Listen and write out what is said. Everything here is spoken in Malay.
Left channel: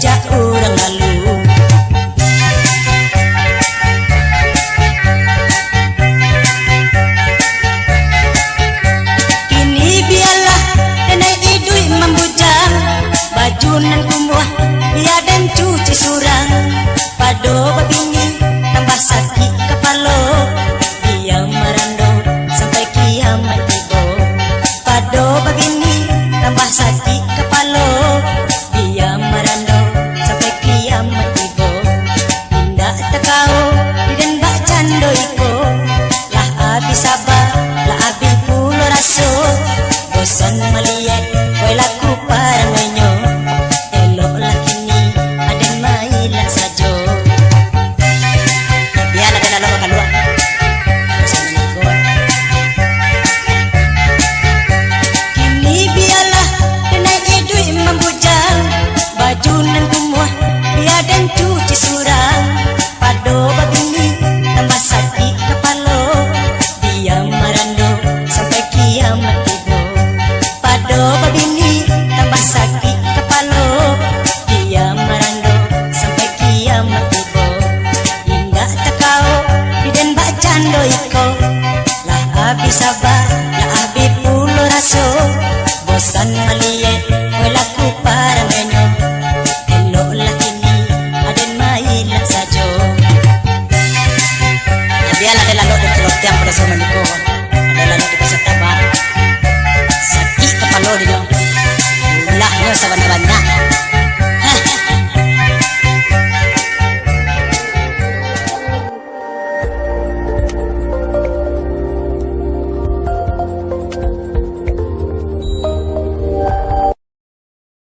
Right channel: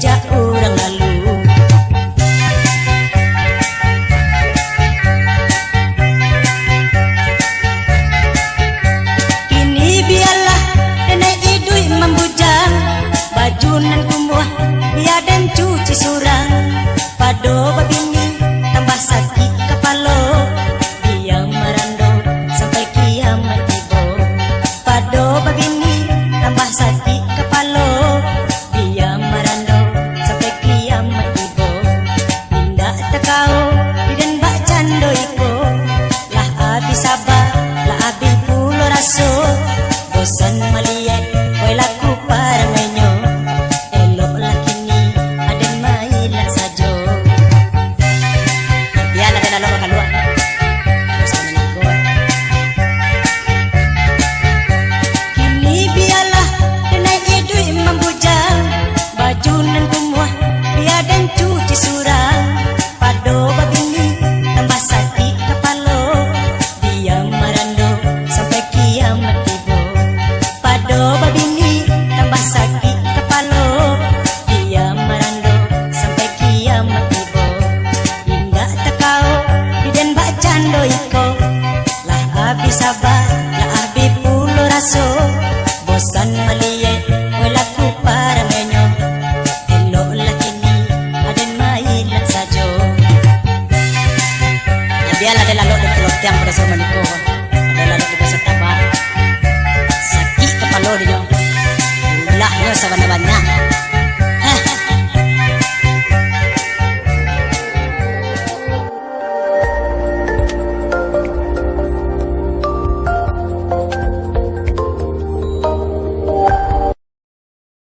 sejak orang lalu. Kini biarlah kena idui membujang, baju nan kumuh biar dan cuci sorang. Pado babini tambah sakit kepala, dia merando sampai kiamat itu. Pado babini tambah sakit kepala, dia merando sampai kiamat itu. Pindah takau dan bak cando iko, lah habis sabar lah habis pulo raso. Bosan melihat boy laku karenanya, elok laki ni aden mailah saja. Biar nak dalam makan luar, bosan menikah. Kini biarlah kena idui membujang, baju nan kumuh biar dan cuci surang. Pado babini tambah sakit kepala, dia merando sampai kiamat itu. Pado babini tambah sakit kepala, dia merando sampai kiamat itu. Hingga tak kau dan bak cando itu, lah habis sabar lah habis pulo raso. Bosan melihat berlaku paramenya, elok laki ni aden mailah saja. Ya biarlah ada lalu untuk yang pada sama niko, ada lalu di pasar tambah sakit kepala dia, lah nyo sama banyak.